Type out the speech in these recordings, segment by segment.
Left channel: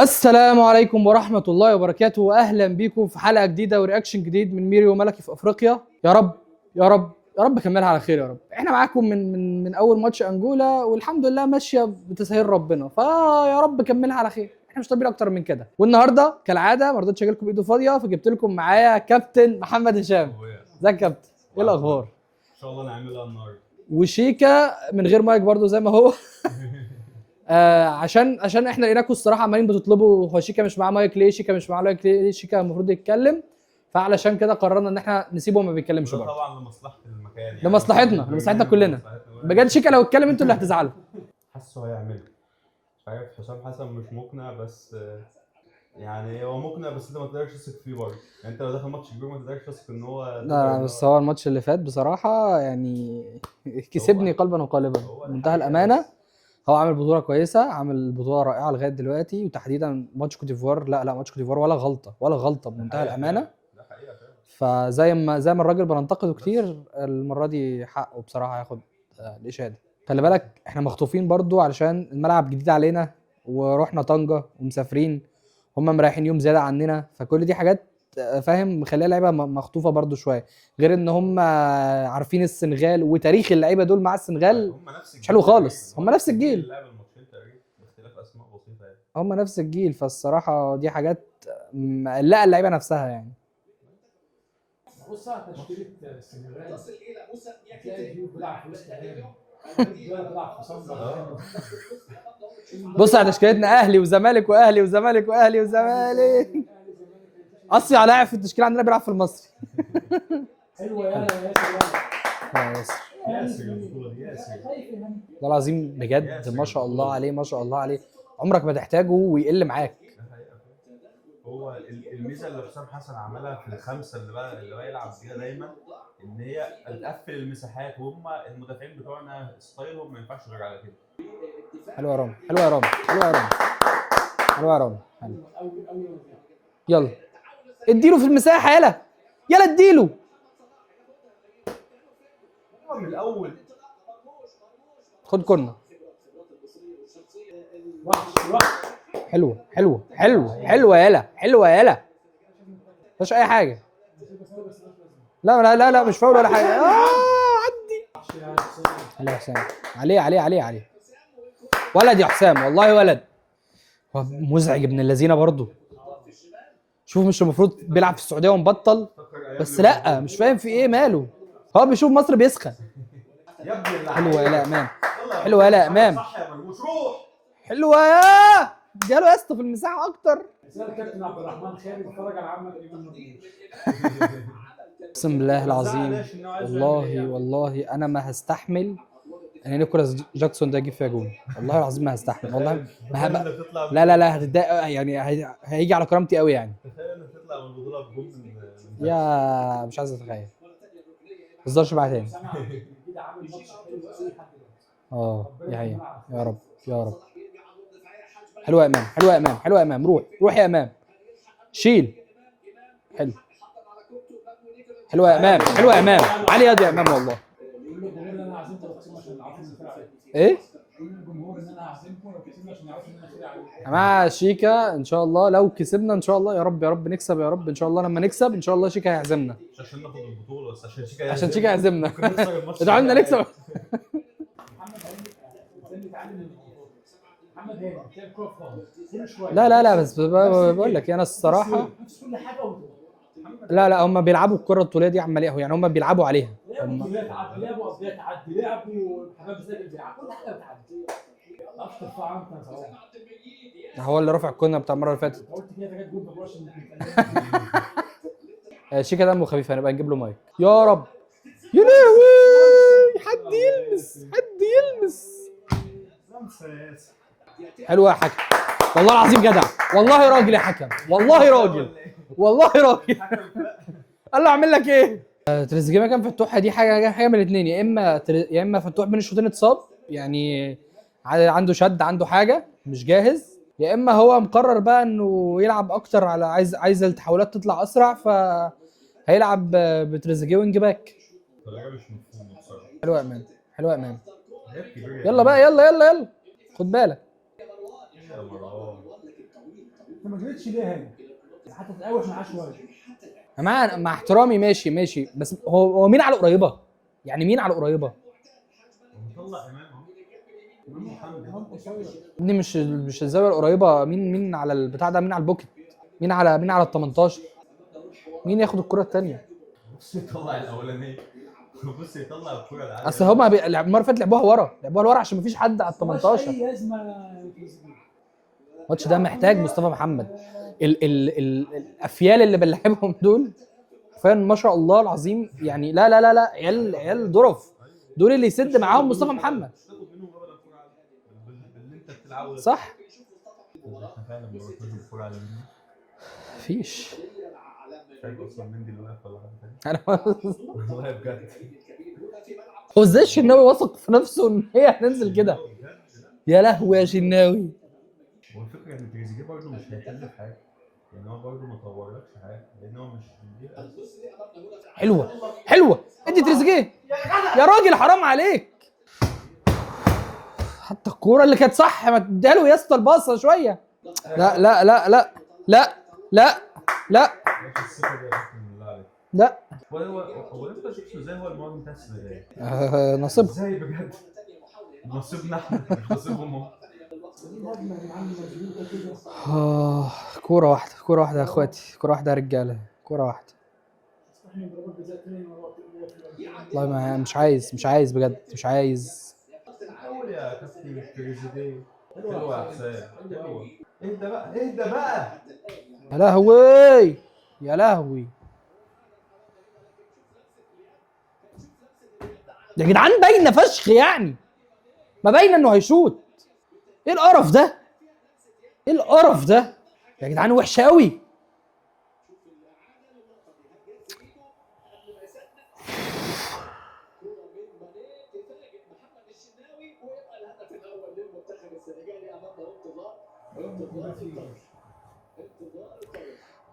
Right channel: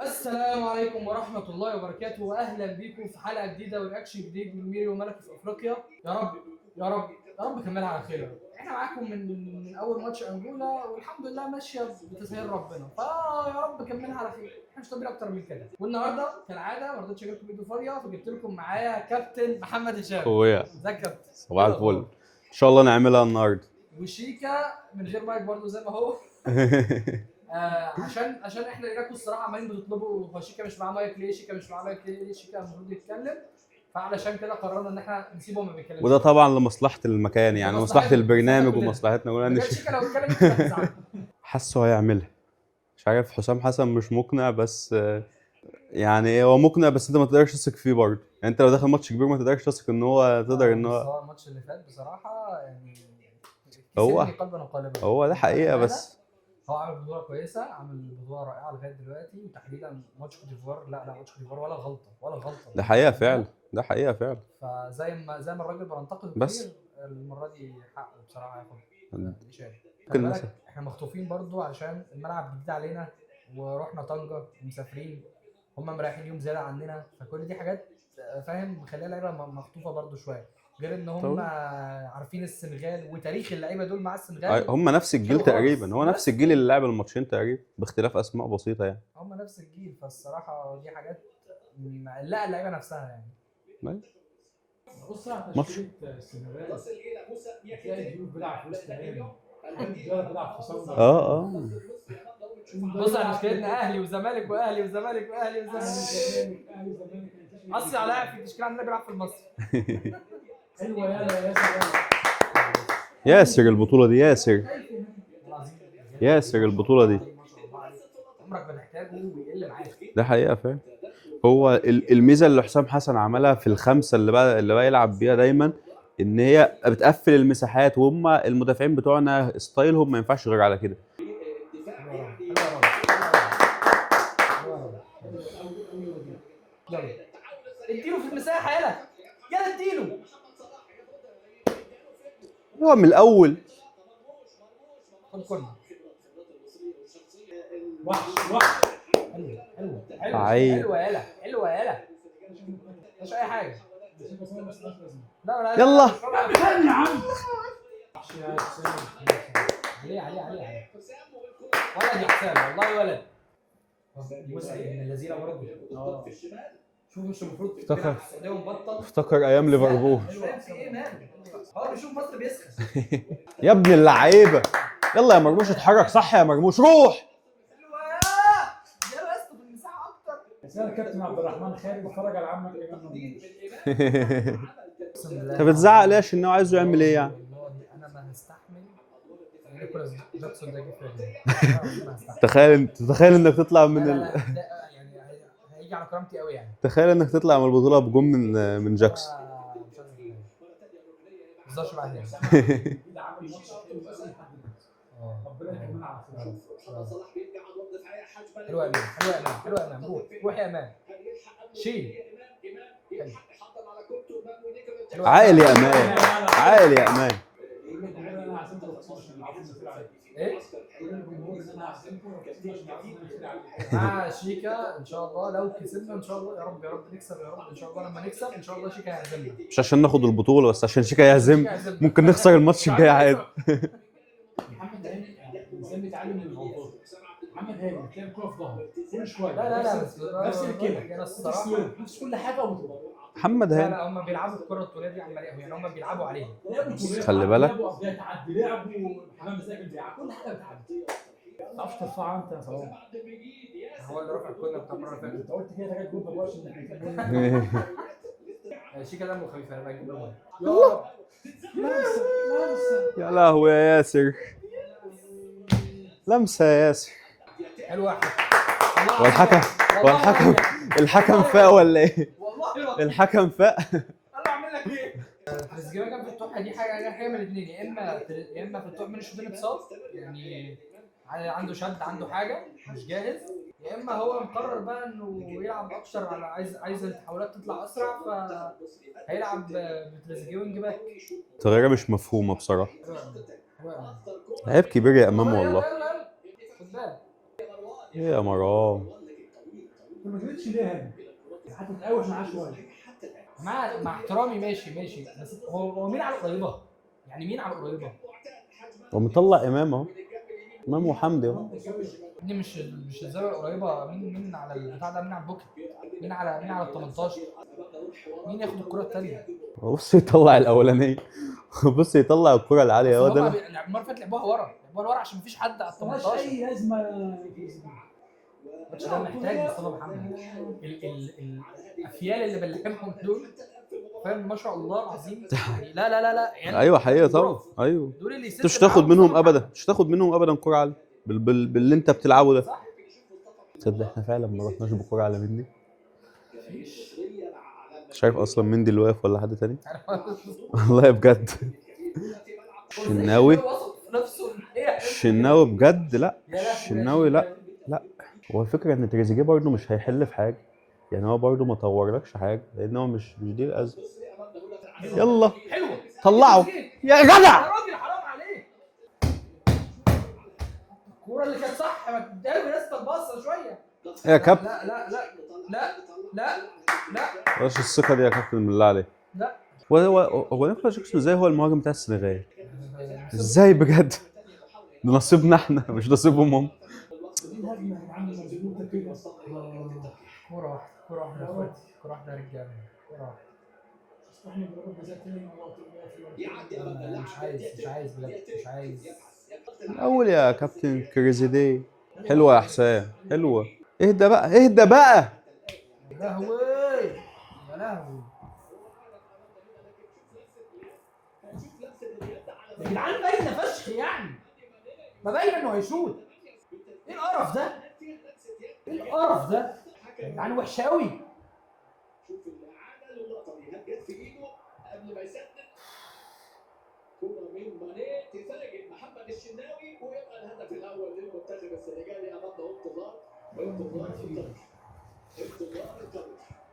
السلام عليكم ورحمة الله وبركاته، وأهلا بيكم في حلقة جديدة ورياكشن جديد من ميري وملكي في أفريقيا. يا رب يا رب يا رب كملها على خير يا رب. احنا معاكم من أول ماتش أنجولا، والحمد لله ماشية بتسهيل ربنا، فيا رب كملها على خير. احنا مش طالبين أكتر من كده. والنهاردة كالعادة ما رضيتش أجي لكم بإيده فاضية، فجبت لكم معايا كابتن محمد هشام. اخويا ازيك يا كابتن؟ إيه صباح الفل. الأخبار؟ ان شاء الله نعملها النهارده. وشيكا من غير مايك برضو زي ما هو. عشان احنا لقيناكم الصراحه عمالين بتطلبوا هو شيكا مش معاه مايك ليه، شيكا مش معاه مايك ليه، شيكا المفروض يتكلم. فعلشان كده قررنا ان احنا نسيبه وما بيتكلمش وده برضه. طبعا لمصلحه المكان، يعني لمصلحه لمصلحتنا البرنامج كلنا ومصلحتنا كلنا. بجد. شيكا لو اتكلم انتوا اللي هتزعلوا. حاسه هيعملها. مش عارف، حسام حسن مش مقنع، بس يعني هو مقنع، بس انت ما تقدرش تثق فيه برضه. يعني انت لو داخل ماتش كبير ما تقدرش تثق ان هو تقدر ان بس هو هو الماتش اللي فات بصراحه يعني كسبني قلبا وقالبا. هو ده بمنتهى حقيقه الامانه بس. هو عامل بطوله كويسه، عامل بطوله رائعه لغايه دلوقتي، وتحديدا ماتش كوت ديفوار. لا ماتش كوت ديفوار ولا غلطه ولا غلطه ده بمنتهى حقيقه الامانه. فعلا، ده حقيقه فعلا. فزي ما الراجل بننتقده بس كتير، المره دي حقه بصراحه ياخد الاشاده. خلي ممكن بالك احنا مخطوفين برضو علشان الملعب جديد علينا، ورحنا طنجه ومسافرين، هم مريحين يوم زياده عننا، فكل دي حاجات فاهم مخليها اللعيبه مخطوفه برضو شويه. غير ان هم عارفين السنغال وتاريخ اللعيبه دول مع السنغال هم نفس مش الجيل حلو تقريبا، خالص. هو هم نفس نفس الجيل الجيل، اللي لعب الماتشين تقريبا باختلاف اسماء بسيطه يعني. هم نفس الجيل، فالصراحه دي حاجات مقلقه اللعيبه نفسها يعني. بص على ماتش تشكيله السنغال، هتلاقي ديوب بيلعب في وسط هام، بيلعب في صندوق. اه بص على تشكيلتنا اهلي وزمالك واهلي وزمالك واهلي وزمالك. اصيع لاعب في التشكيله عندنا بيلعب في المصري. حلوه يا ياسر. ياسر البطوله دي ياسر. والله العظيم بجد ياسر ما شاء البطولة الله دي. عليه، ما شاء الله عليه. عمرك ما تحتاجه ويقل معاك. ده حقيقه فعلا. هو الميزه اللي حسام حسن عملها في الخمسه اللي بقى يلعب بيها دايما، ان هي بتقفل المساحات، وهم المدافعين بتوعنا ستايلهم ما ينفعش غير على كده. حلو يا رامي، حلو يا رامي، حلو يا رامي، حلو يا رامي، حلو. يلا اديله في المساحه، يلا اديله. هو من الاول خد كورنر. وحش حلوه حلوه حلوه عيب. حلوه مفيش اي حاجه. لا مش فاول ولا حاجه. علي حسام، عليه ولد يا حسام، والله ولد. هو مزعج ابن اللذينه برضه. شوف مش المفروض بيلعب في السعوديه ومبطل؟ افتكر ايام بس ليفربول. لا مش فاهم في ايه ماله. هو بيشوف مصر بيسخن. يا ابن حلوة اللعيبه. يا أمان. يلا يا حلوة مرموش يا اتحرك أمان. صح يا مرموش، روح. حلوه يا جاله يا اسطى في المساحه اكتر. سأل الكابتن عبد الرحمن خالد اتفرج على عمك ايمن مرموش. اقسم بالله انت بتزعق العظيم. ليه؟ عشان هو عايزه يعمل ايه يعني؟ والله انا ما هستحمل ان نيكولاس جاكسون ده يجيب فيها جول. والله العظيم ما هستحمل. تخيل انك تطلع من لا هتضايق يعني، هيجي على كرامتي قوي يعني. تخيل انك تطلع من البطوله بجون من جاكسون. يا مش عايز اتخيل. ما تهزرش معايا تاني. كده عامل ماتش حلو قوي لحد دلوقتي. دي حقيقة. يا رب يا رب. حلوة يا امام، حلوة يا امام، حلوة يا امام. روح يا امام، شيل. حلو. حلوة يا امام، حلوة يا امام. علي يا عالي يا امام. أمان. انا عزمت الخصوم عشان يعرفوا ان الفرقه عليك. ايه؟ الجمهور ان انا عزمتكم الخصوم عشان يعرفوا ان الفرقه عليك. مع شيكا ان شاء الله لو كسبنا ان شاء الله، يا رب نكسب يا رب ان شاء الله. لما نكسب ان شاء الله شيكا هيعزمنا. مش عشان ناخد البطوله، بس عشان شيكا عشان شيكا يهزم. يعزمنا. ممكن نخسر الماتش ادعوا لنا الجاي. نكسب. محمد هاني الانسان بيتعلم من الغلطات. محمد هاني تلاقي الكوره في ظهره كل شويه. لا بس بقول لك انا الصراحة نفس كل حاجه وبتروح. محمد لا هم بيلعبوا الكرة الطولية دي عمالية، يعني هم بيلعبوا عليها. خلي بالك. لعبوا قضيه تعدي، لعبوا حمام مساجد، بيلعب كل حاجه بتعدي. ما تعرفش ترفعها انت يا صلاح. هو اللي رافع الكورنر بتاع المرة اللي فاتت. انت قلت كده جت جول ببلاش انك شيكا دمه خفيف، هنبقى نجيب له مايك يا رب. يا لهوي يا لهوي يا ياسر، حد يلمس. لمسه يا ياسر. حلوة يا حكم، والله العظيم جدع، والله راجل يا حكم، الحكم والله فاق راجل، ولا ايه؟ والله راجل. الحكم فاق. قال له اعمل لك ايه؟ تريزيجيه مكان فتوح، دي حاجه من الاثنين، يا اما فتوح بين الشوطين اتصاب يعني، عنده شد، عنده حاجه مش جاهز، يا اما هو مقرر بقى انه يلعب اكتر على عايز التحولات تطلع اسرع، فهيلعب بتريزيجيه وينج باك. تغييره مش مفهومه بصراحه. حلوه يا امان، حلوه يا امان. عيب كبير يا يلا امام بقى، والله. يلا خد بالك. ايه يا مرام. انت ما جريتش ليه هنا؟ حتى تقاوح معاه شويه. مع احترامي ماشي بس هو مين على القريبه؟ يعني مين على القريبه؟ هو مطلع امام اهو، امام وحمدي اهو. ابني مش الزاويه القريبه، مين على البتاع ده، مين على البوكت، مين على ال 18، مين ياخد الكره الثانيه؟ بص يطلع الاولانيه بص يطلع الكره العاليه اصل اهو هما ده. المره اللي فاتت لعبوها ورا عشان مفيش حد على ال 18. اي ازمه. الماتش ده محتاج مصطفى محمد. الافيال اللي بنلعبهم دول فعلا ما شاء الله العظيم، يعني لا عيال، ايوه عيال حقيقه طبعا، ظرف. ايوه. دول اللي انت مش يسد هتاخد معاهم منهم مصطفى ابدا، محمد. مش هتاخد منهم ابدا كوره عاليه باللي انت بتلعبه ده. صح. تصدق احنا فعلا ما رحناش بكوره على مندي. مفيش. مش عارف اصلا مندي اللي واقف ولا حد تاني. انا والله بجد. هو ازاي الشناوي؟ الشناوي واثق في نفسه ان هي هتنزل كده؟ الشناوي بجد لا. يا لهوي يا الشناوي لا. شناوي. لا هو الفكره ان تريزيجيه برضه مش هيحل في حاجه، يعني هو برضه ما طورلكش حاجه لان هو مش دي الازمه. حلوه يلا حلوه طلعه. تريزيجيه يا جدع يا راجل، حرام عليك. حتى الكوره اللي كانت صح ما تديها له يا اسطى الباصه شويه. يا لا كابتن لا لا لا لا لا لا بلاش الثقه دي يا كابتن بالله عليك. لا. هو نيكولاس جاكسون ازاي هو المهاجم بتاع السنغال؟ نصيب. ازاي بجد؟ ده نصيبنا احنا مش نصيبهم هم. كوره واحده يا اخواتي، كوره واحده يا رجاله، كوره واحده. والله ما مش عايز بجد، مش عايز. الاول يا كابتن كريزيدي. حلوه يا حسام، حلوه. اهدى بقى اهدى بقى. يا لهوي يا لهوي يا جدعان، باينه فشخ يعني، ما باينه انه هيشوط. ايه القرف ده؟ ايه القرف ده يا جدعان؟ وحشه قوي.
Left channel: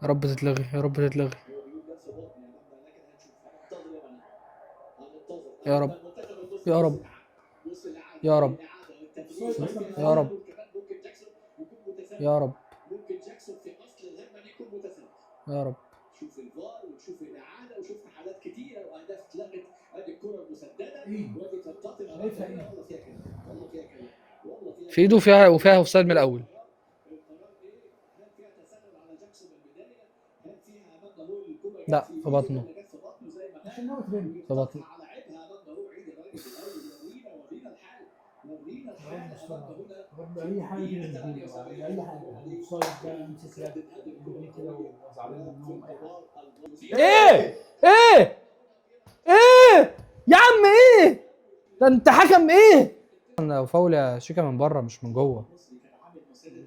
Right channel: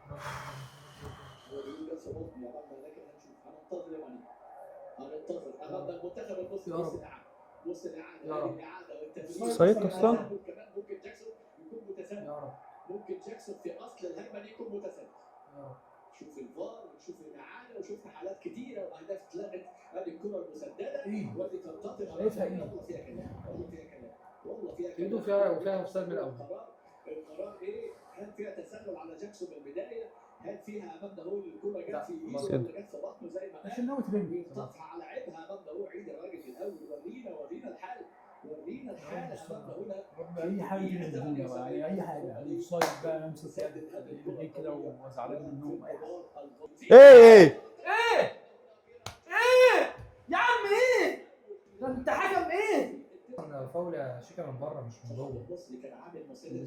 يا رب تتلغي، يا رب تتلغي، يا رب يا رب يا رب يا رب يا رب يا رب. شوف الفار وشوف الاعاده وشفنا حالات كتيره واهداف اتلغت. ادي الكره المسدده ودي تنتقل شايفها ايه؟ والله فيها كلام، والله فيها كلام، والله فيها في ايده وفيها اوفسايد من الاول. القرار ايه؟ هل فيها تسلل على جاكسون من البدايه؟ هل فيها امام ضروري الكره لا، في بطنه. جت في بطنه زي ما قال؟ عشان ناوي ترمي. في بطنه. على عيبها امام ضروري. عيد الراجل الاول، ورينا الحال، ورينا الحال امام ضروري. رب اي حاجه تيجي في الدنيا بقى، يعني اي حاجه، الاوفسايد بقى، امسك يد ايديه كده وزعلان منهم اي حاجه. ايه ايه ايه يا عم ايه ده؟ انت حكم ايه؟ انا فاول يا شيكا من بره مش من جوه.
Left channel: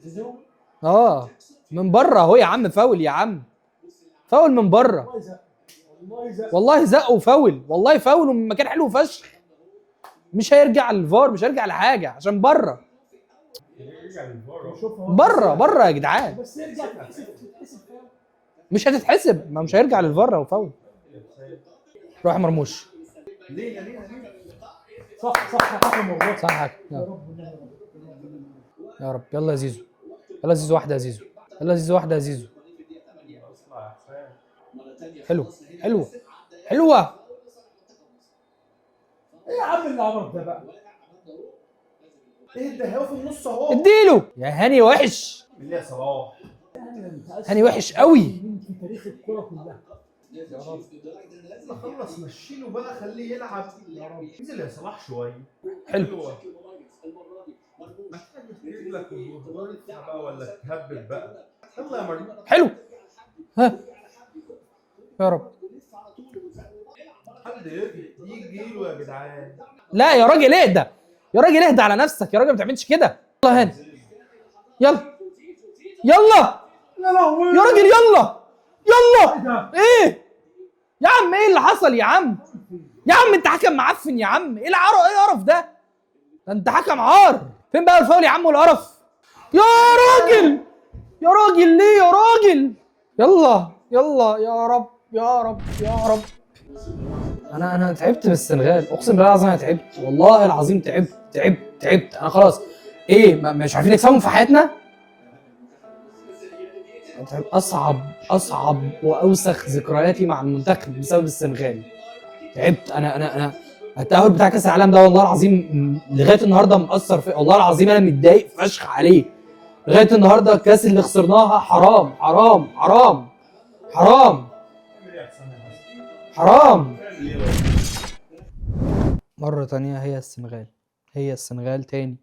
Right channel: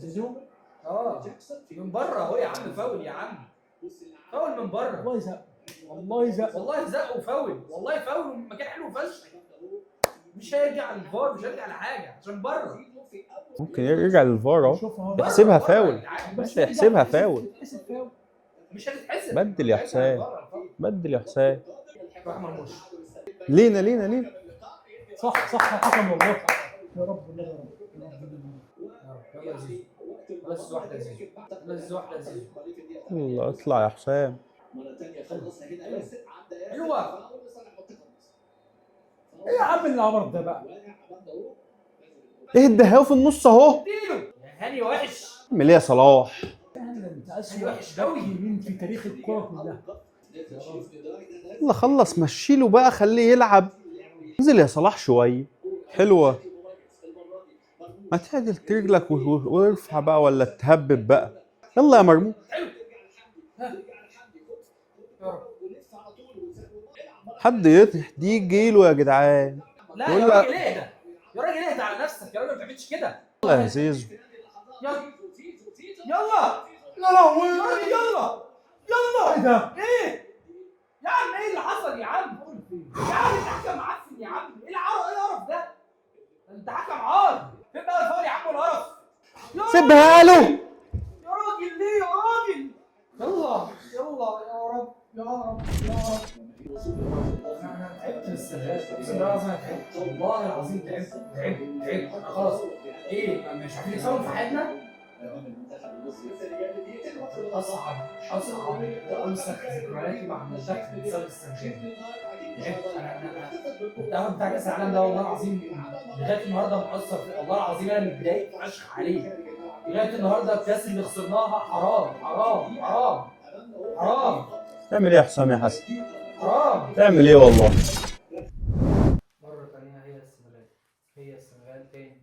زيزو من بره اهو يا عم، فاول يا عم، فاول من بره. والله زق، والله زق، والله زق وفاول، والله فاول ومن مكان حلو فشخ. مش هيرجع للفار، مش هيرجع لحاجه عشان بره. ممكن يرجع للفار اهو. بره يا جدعان، بس يحسبها فاول. مش هتتحسب، بدل مش يا هيرجع حسام. للفار او فاول. بدل يا حسام. روح مرموش. لينا صح حكم والله. صح حكم. يا رب يا رب. يلا يا زيزو، يلا يا زيزو، واحده يا زيزو، يلا يا زيزو، واحده يا زيزو. يلا اطلع يا حسام. حلو حلو حلوه. ايه يا عم اللي عمرك ده بقى؟ اهدى اهو في النص اهو. اديله يا هاني. وحش اعمل ايه يا صلاح؟ هاني وحش قوي. مين في تاريخ الكرة كلها؟ يلا خلص مشيله بقى، خليه يلعب. انزل يا صلاح شويه. حلوه. ما تعدل رجلك وارفع بقى ولا تهبب بقى. يلا يا مرموش. حلو. ها يا رب. حد يجي يجيله يا جدعان. لا يا راجل اهدى، يا راجل اهدى على نفسك، يا راجل ما تعملش كده. يلا هاني، زيزو. يلا يلا يا راجل، يلا يلا. ايه يا عم؟ ايه اللي حصل يا عم؟ يا عم انت حكم معفن يا عم. ايه العرف؟ ايه القرف ده؟ ده انت حكم عار. فين بقى الفاول يا عم والقرف؟ يا راجل يا راجل ليه يا راجل؟ يلا يا رب يا رب يا رب. انا تعبت من السنغال، اقسم بالله العظيم انا تعبت، والله العظيم تعبت. انا خلاص. ايه مش عارفين نكسبهم في حياتنا؟ اصعب واوسخ ذكرياتي مع المنتخب بسبب السنغال. تعبت انا التأهل بتاع كاس العالم ده والله العظيم لغايه النهارده مأثر في، والله العظيم انا متضايق فشخ عليه لغايه النهارده. الكاس اللي خسرناها حرام حرام حرام حرام. تعمل ايه يا حسام يا حسن؟ حرام. تعمل ايه والله؟ مرة تانية هي السنغال تاني.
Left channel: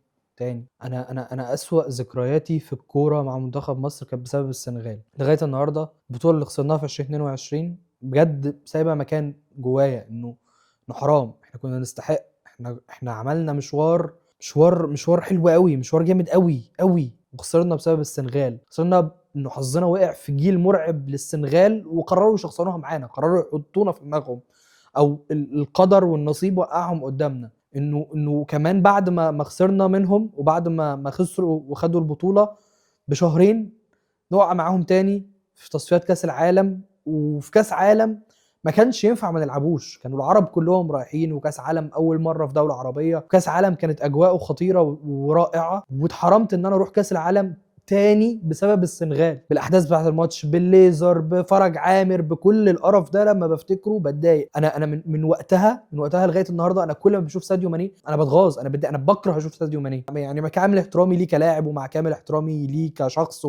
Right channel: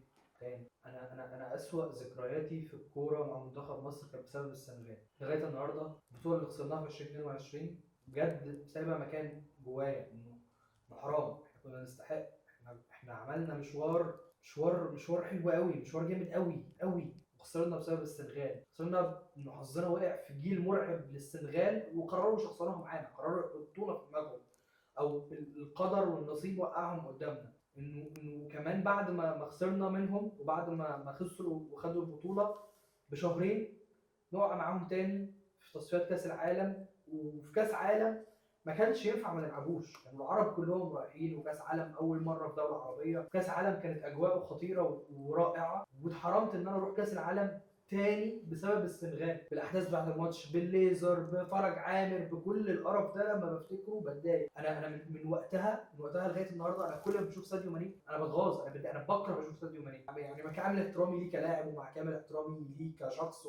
انا اسوأ ذكرياتي في الكورة مع منتخب مصر كانت بسبب السنغال لغاية النهاردة. البطولة اللي خسرناها في 2022 بجد سايبة مكان جوايا انه حرام. احنا كنا نستحق. احنا عملنا مشوار حلو قوي، مشوار جامد قوي، وخسرنا بسبب السنغال. خسرنا انه حظنا وقع في جيل مرعب للسنغال، وقرروا يشخصنوها معانا، قرروا يحطونا في دماغهم، او القدر والنصيب وقعهم قدامنا. انه كمان بعد ما خسرنا منهم، وبعد ما خسروا وخدوا البطولة بشهرين، نقع معاهم تاني في تصفيات كاس العالم. وفي كاس عالم ما كانش ينفع ما نلعبوش، كانوا العرب كلهم رايحين، وكاس عالم اول مره في دوله عربيه، وكاس عالم كانت اجواءه خطيره ورائعه، واتحرمت ان انا اروح كاس العالم تاني بسبب السنغال، بالاحداث بتاعه الماتش، بالليزر، بفرج عامر، بكل القرف ده. لما بفتكره بتضايق. انا من وقتها لغايه النهارده انا كل ما بشوف ساديو ماني انا بتغاظ، انا بكره اشوف ساديو ماني. يعني مع كامل احترامي ليه كلاعب، ومع كامل احترامي ليه كشخص،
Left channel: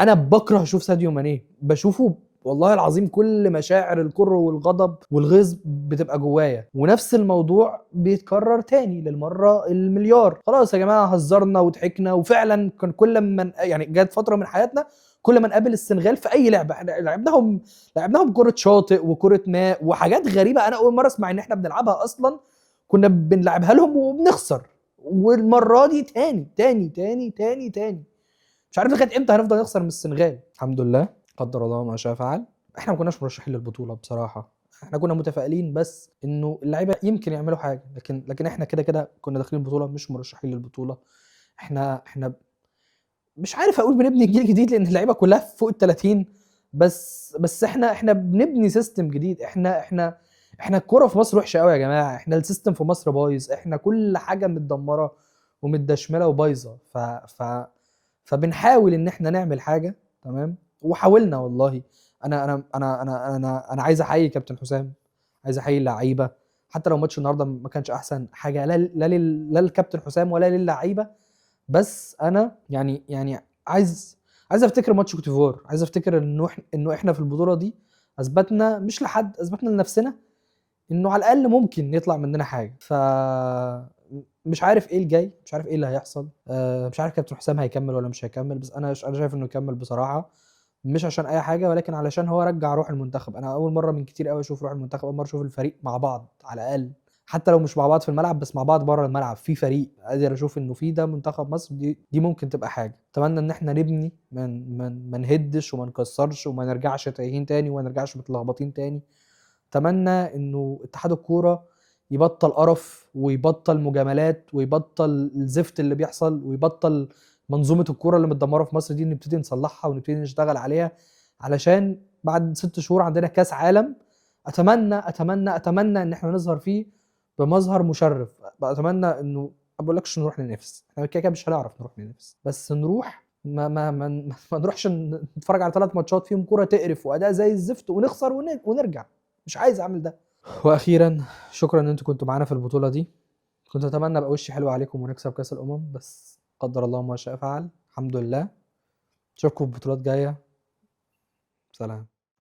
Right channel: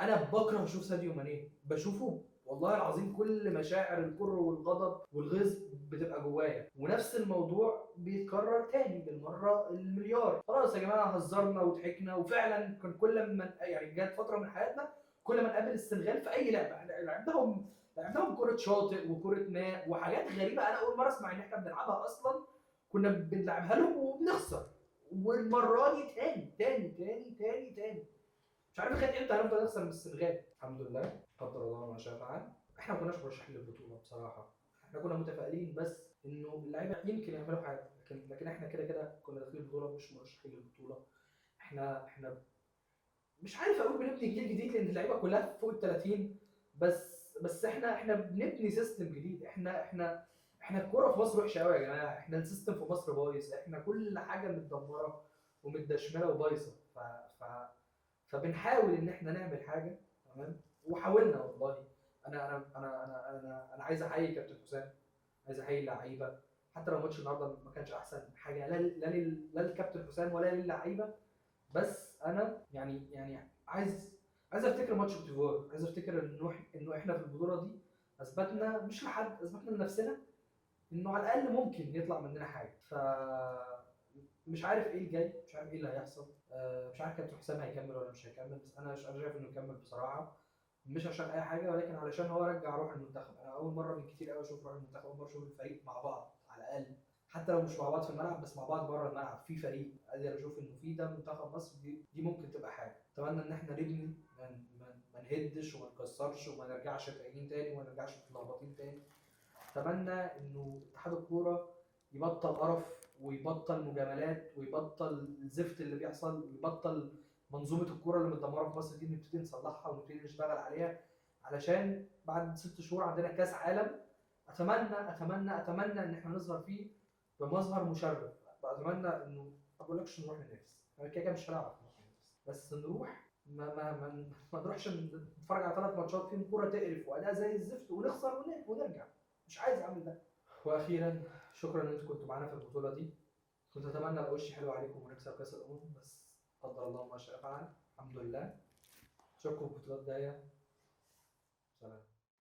انا بكره اشوف ساديو ماني. بشوفه والله العظيم كل مشاعر الكره والغضب والغيظ بتبقى جوايا، ونفس الموضوع بيتكرر تاني للمره المليار. خلاص يا جماعه، هزرنا وضحكنا، وفعلا كان كل ما يعني جت فتره من حياتنا كل ما نقابل السنغال في اي لعبه احنا لعبناهم كره شاطئ وكره ماء وحاجات غريبه. انا اول مره اسمع ان احنا بنلعبها اصلا، كنا بنلعبها لهم وبنخسر. والمره دي تاني مش عارف لغايه امتى هنفضل نخسر من السنغال. الحمد لله، قدر الله ما شاء فعل. احنا ما كناش مرشحين للبطوله بصراحه، احنا كنا متفائلين بس انه اللعيبه يمكن يعملوا حاجه، لكن احنا كده كنا داخلين البطوله مش مرشحين للبطوله. احنا مش عارف اقول بنبني جيل جديد لان اللعيبه كلها فوق ال 30، بس احنا بنبني سيستم جديد. احنا الكوره في مصر وحشه قوي يا جماعه، احنا السيستم في مصر بايظ، احنا كل حاجه متدمره ومتدشمله وبايظه. فبنحاول ان احنا نعمل حاجه، تمام، وحاولنا والله. انا عايز احيي كابتن حسام، عايز احيي اللعيبه. حتى لو ماتش النهارده ما كانش احسن حاجه، لا للكابتن حسام ولا للعيبه، بس انا يعني عايز افتكر ماتش كوت ديفوار، عايز افتكر انه احنا في البطوله دي اثبتنا، مش لحد، اثبتنا لنفسنا انه على الاقل ممكن يطلع مننا حاجه. مش عارف ايه الجاي، مش عارف ايه اللي هيحصل. مش عارف كابتن حسام هيكمل ولا مش هيكمل، بس انا شايف انه يكمل بصراحه، مش عشان اي حاجه، ولكن علشان هو رجع روح المنتخب. انا اول مره من كتير قوي اشوف روح المنتخب، اول مره اشوف الفريق مع بعض على الاقل، حتى لو مش مع بعض في الملعب بس مع بعض بره الملعب، في فريق قادر اشوف انه في ده منتخب مصر. دي ممكن تبقى حاجه. اتمنى ان احنا نبني، ما نهدش وما نكسرش وما نرجعش تايهين تاني وما نرجعش متلخبطين تاني. اتمنى انه اتحاد الكوره يبطل قرف، ويبطل مجاملات، ويبطل الزفت اللي بيحصل، ويبطل منظومه الكوره اللي متدمره في مصر دي. نبتدي نصلحها ونبتدي نشتغل عليها، علشان بعد 6 شهور عندنا كاس عالم. اتمنى ان احنا نظهر فيه بمظهر مشرف. اتمنى انه ما بقولكش نروح ننافس، احنا كده مش هنعرف نروح ننافس، بس نروح ما نروحش نتفرج على 3 ماتشات فيهم كوره تقرف واداء زي الزفت ونخسر ونرجع. مش عايز اعمل ده. واخيرا شكرا ان انتوا كنتوا معانا في البطوله دي. كنت اتمنى ابقى وشي حلو عليكم ونكسب كاس الامم، بس قدر الله ما شاء فعل. الحمد لله. اشوفكم في بطولات جايه. سلام.